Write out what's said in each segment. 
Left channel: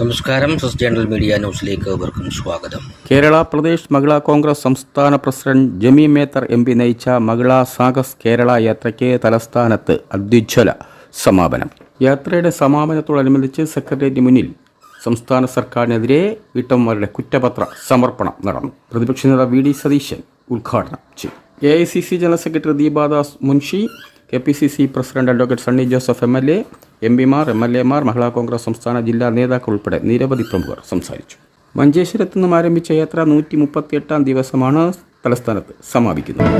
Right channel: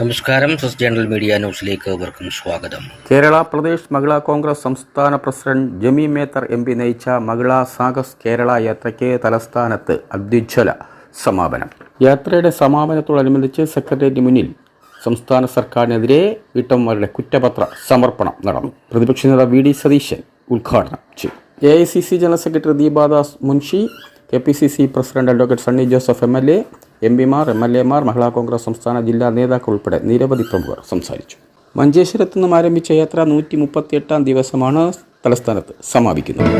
നമസ്കാരം സസ് journal media ന്യൂസിലേക്ക് ഏവർക്കും സ്വാഗതം. കേരള പ്രദേശ് മഹിളാ കോൺഗ്രസ് സംസ്ഥാന president Jebi Mather M P നയിച്ച മഹിളാ സാഗസ് കേരള യാത്രയ്ക്ക് തലസ്ഥാനത്ത് അത്യുജ്വല സമാപനം. യാത്രയുടെ സമാപനത്തോടനുബന്ധിച്ച് സെക്രട്ടേറിയറ്റ് മുന്നിൽ സംസ്ഥാന സർക്കാരിനെതിരെ വീട്ടമ്മമാരുടെ കുറ്റപത്ര സമർപ്പണം നടന്നു. പ്രതിപക്ഷ നേതാവ് വി ഡി സതീശൻ ഉദ്ഘാടനം ചെയ്തു. A I C C general secretary Deepa Das Munshi K P C C president advocate Sunny Joseph M L A M പിമാർ എം എൽ എമാർ മഹിളാ കോൺഗ്രസ് സംസ്ഥാന ജില്ലാ നേതാക്കൾ ഉൾപ്പെടെ നിരവധി പ്രമുഖർ സംസാരിച്ചു. മഞ്ചേശ്വരത്ത് നിന്നും ആരംഭിച്ച യാത്ര നൂറ്റി മുപ്പത്തിയെട്ടാം ദിവസമാണ് തലസ്ഥാനത്ത് സമാപിക്കുന്നത്.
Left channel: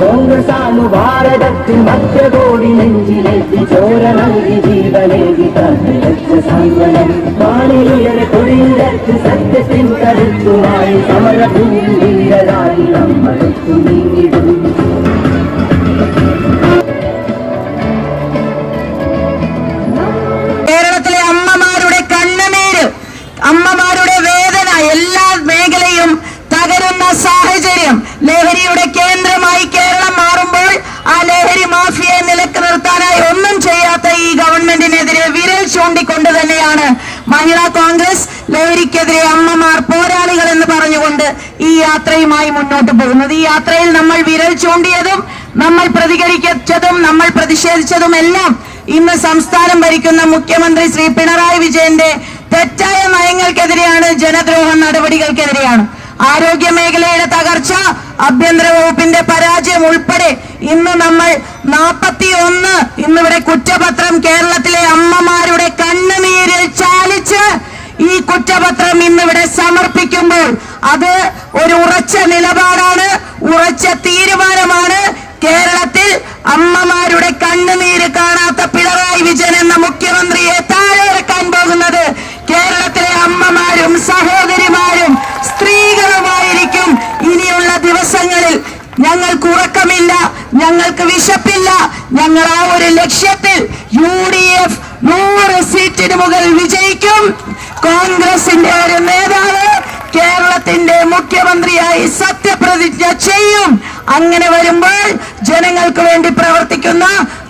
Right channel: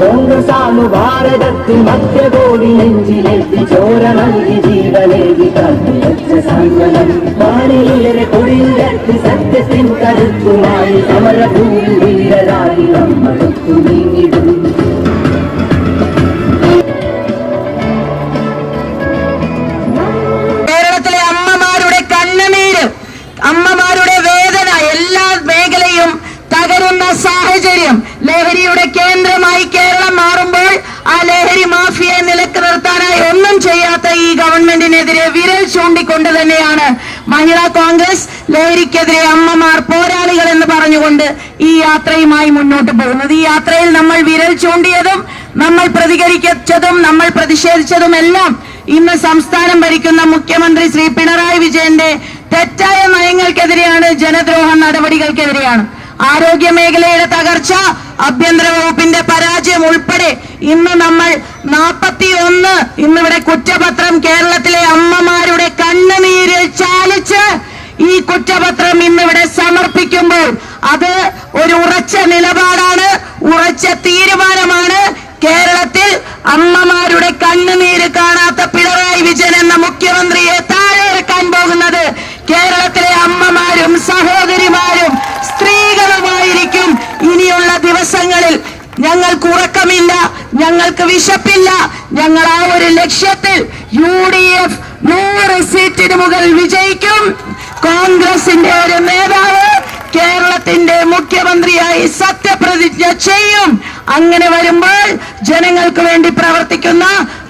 കോൺഗ്രസാണു ഭാരതത്തിൽ സത്യത്തിൻ കരുത്തുനായി സമരഭൂമിയിൽ വീരരായി നീങ്ങിടും കേരളത്തിലെ അമ്മമാരുടെ കണ്ണുനീര് അമ്മമാരുടെ വേദന എല്ലാ മേഖലയും തകരുന്ന സാഹചര്യം. ലഹരിയുടെ കേന്ദ്രമായി കേരളം മാറുമ്പോൾ ആ ലഹരി മാഫിയയെ നിലയ്ക്ക് നിർത്താനായി ഒന്നും ചെയ്യാത്ത ഈ ഗവൺമെന്റിനെതിരെ വിരൽ ചൂണ്ടിക്കൊണ്ട് തന്നെയാണ് മഹിളാ കോൺഗ്രസ് ലഹരിക്കെതിരെ അമ്മമാർ പോരാളികൾ എന്ന് പറഞ്ഞുകൊണ്ട് ഈ യാത്രയുമായി മുന്നോട്ട് പോകുന്നത്. ഈ യാത്രയിൽ നമ്മൾ വിരൽ ചൂണ്ടിയതും നമ്മൾ പ്രതികരിച്ചതും നമ്മൾ പ്രതിഷേധിച്ചതും എല്ലാം ഇന്ന് സംസ്ഥാനം ഭരിക്കുന്ന മുഖ്യമന്ത്രി ശ്രീ പിണറായി വിജയന്റെ തെറ്റായ നയങ്ങൾക്കെതിരെയാണ് ജനദ്രോഹ നടപടികൾക്കെതിരെയാണ്. ആരോഗ്യ മേഖലയുടെ തകർച്ച ആഭ്യന്തര വകുപ്പിന്റെ പരാജയം ഉൾപ്പെടെ ഇന്ന് നമ്മൾ നാൽപ്പത്തി ഒന്ന് ഇന്നിവിടെ കുറ്റപത്രം കേരളത്തിലെ കണ്ണുനീരിൽ ചാലിച്ച് ഈ കുറ്റപത്രം ഇന്നിവിടെ സമർപ്പിക്കുമ്പോൾ അത് ഒരു ഉറച്ച നിലപാടാണ് ഉറച്ച തീരുമാനമാണ്. കേരളത്തിൽ അമ്മമാരുടെ കണ്ണുനീര് കാണാത്ത പിണറായി വിജയൻ എന്ന മുഖ്യമന്ത്രിയെ താഴെ ഇറക്കാൻ പോകുന്നത് കേരളത്തിലെ അമ്മമാരും സഹോദരിമാരും സ്ത്രീകളുമായിരിക്കും. ഇനിയുള്ള ദിവസങ്ങളിൽ ഞങ്ങൾക്ക് ഉറക്കമില്ല ഞങ്ങൾക്ക് വിശപ്പില്ല. ഞങ്ങൾ ആ ഒരു ലക്ഷ്യത്തിൽ യു ഡി എഫ് നൂറ് സീറ്റിന് മുകൾ വിജയിക്കും. കോൺഗ്രസിന്റെ ഒരു നേതാവ് കേരളത്തിന്റെ മുഖ്യമന്ത്രിയായി സത്യപ്രതിജ്ഞ ചെയ്യും. അങ്ങനെ വരുമ്പോൾ ജനങ്ങൾക്ക് വേണ്ടി പ്രവർത്തിക്കുന്ന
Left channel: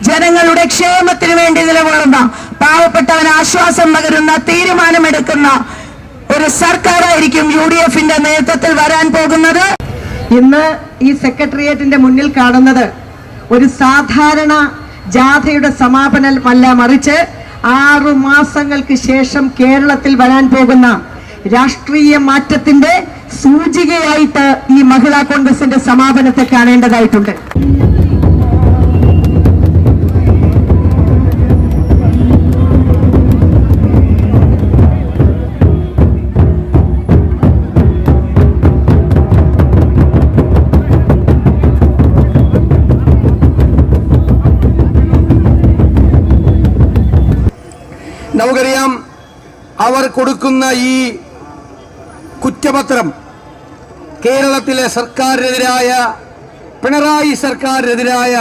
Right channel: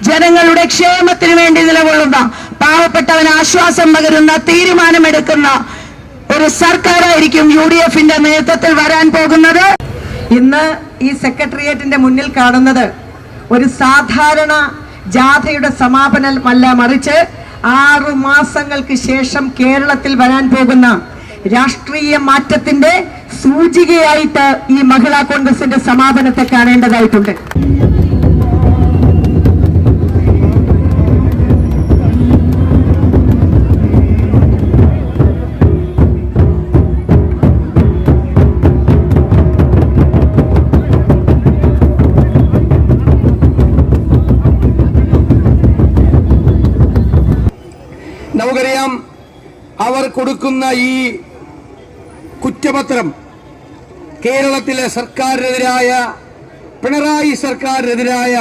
ജനങ്ങളുടെ ക്ഷേമത്തിന് വേണ്ടി നിലകൊള്ളുന്ന പാവപ്പെട്ടവന് ആശ്വാസം പകരുന്ന തീരുമാനമെടുക്കുന്ന ഒരു സർക്കാരായിരിക്കും യു ഡി എഫിന്റെ നേതൃത്വത്തിൽ വരാൻ പോകുന്നത്. ഇന്ന് ഈ സെക്രട്ടേറിയറ്റിന്റെ മുന്നിൽ കാണുന്നത് ഒരു സാധാരണ ജാഥയുടെ സമാപനമല്ല മറിച്ച് ആറു മാസങ്ങൾക്ക് ശേഷം കേരളത്തിൽ വരാൻ പോകുന്ന രാഷ്ട്രീയ മാറ്റത്തിന്റെ സൂചികയായിട്ട് ഈ മഹിളാ കോൺഗ്രസിന്റെ സമാപനത്തെ കാണേണ്ടതായിട്ടുണ്ട്. കൊടുക്കുന്ന ഈ കുറ്റപത്രം കേരളത്തിലെ സർക്കാരിനെതിരായ പിണറായി സർക്കാരിനെതിരായ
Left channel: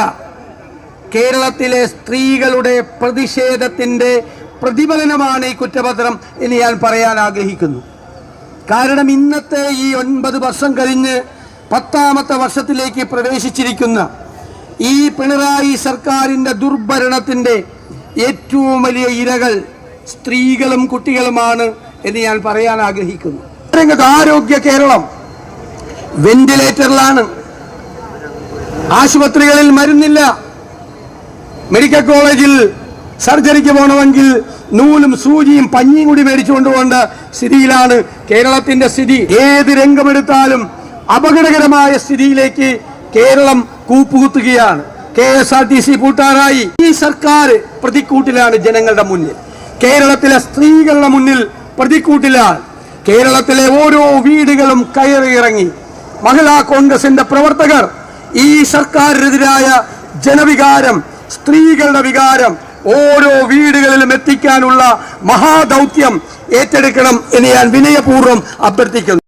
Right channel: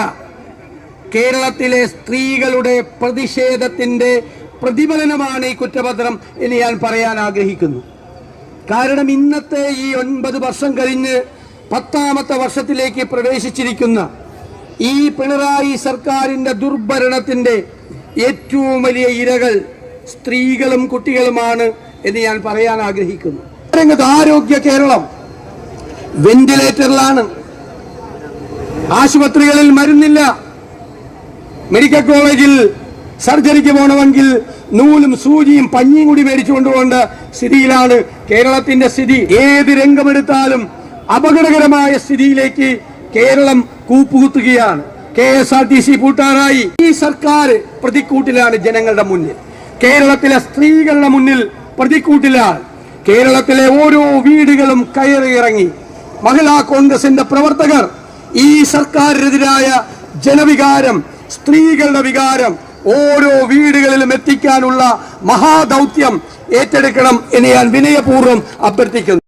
കേരളത്തിലെ സ്ത്രീകളുടെ പ്രതിഷേധത്തിന്റെ പ്രതിഫലനമാണ് ഈ കുറ്റപത്രം എന്ന് ഞാൻ പറയാൻ ആഗ്രഹിക്കുന്നു. കാരണം ഇന്നത്തെ ഈ ഒൻപത് വർഷം കഴിഞ്ഞ് പത്താമത്തെ വർഷത്തിലേക്ക് പ്രവേശിച്ചിരിക്കുന്ന ഈ പിണറായി സർക്കാരിന്റെ ദുർഭരണത്തിന്റെ ഏറ്റവും വലിയ ഇരകൾ സ്ത്രീകളും കുട്ടികളുമാണ് എന്ന് ഞാൻ പറയാൻ ആഗ്രഹിക്കുന്നു. രംഗത്ത് ആരോഗ്യ കേരളം വെന്റിലേറ്ററിലാണ്. ആശുപത്രികളിൽ മരുന്നില്ല. മെഡിക്കൽ കോളേജിൽ സർജറിക്ക് പോകണമെങ്കിൽ നൂലും സൂചിയും പഞ്ഞിയും കൂടി മേടിച്ചു കൊണ്ടുപോകേണ്ട സ്ഥിതിയിലാണ് കേരളത്തിന്റെ സ്ഥിതി. ഏത് രംഗമെടുത്താലും അപകടകരമായ സ്ഥിതിയിലേക്ക് Keralam കൂപ്പുകുത്തുകയാണ്. K S R T C പൂട്ടാറായി. ഈ സർക്കാർ പ്രതിക്കൂട്ടിലാണ് ജനങ്ങളുടെ മുന്നിൽ. കേരളത്തിലെ സ്ത്രീകളുടെ മുന്നിൽ പ്രതിക്കൂട്ടില്ല. കേരളത്തിലെ ഓരോ വീടുകളും കയറി ഇറങ്ങി. മഹിളാ കോൺഗ്രസിന്റെ പ്രവർത്തകർ ഈ സർക്കാരിനെതിരായ ജനവികാരം സ്ത്രീകളുടെ വികാരം ഓരോ വീടുകളിലും എത്തിക്കാനുള്ള മഹാദൗത്യം ഏറ്റെടുക്കണം എന്ന് ഞാൻ വിനയപൂർവം അഭ്യർത്ഥിക്കുന്നു.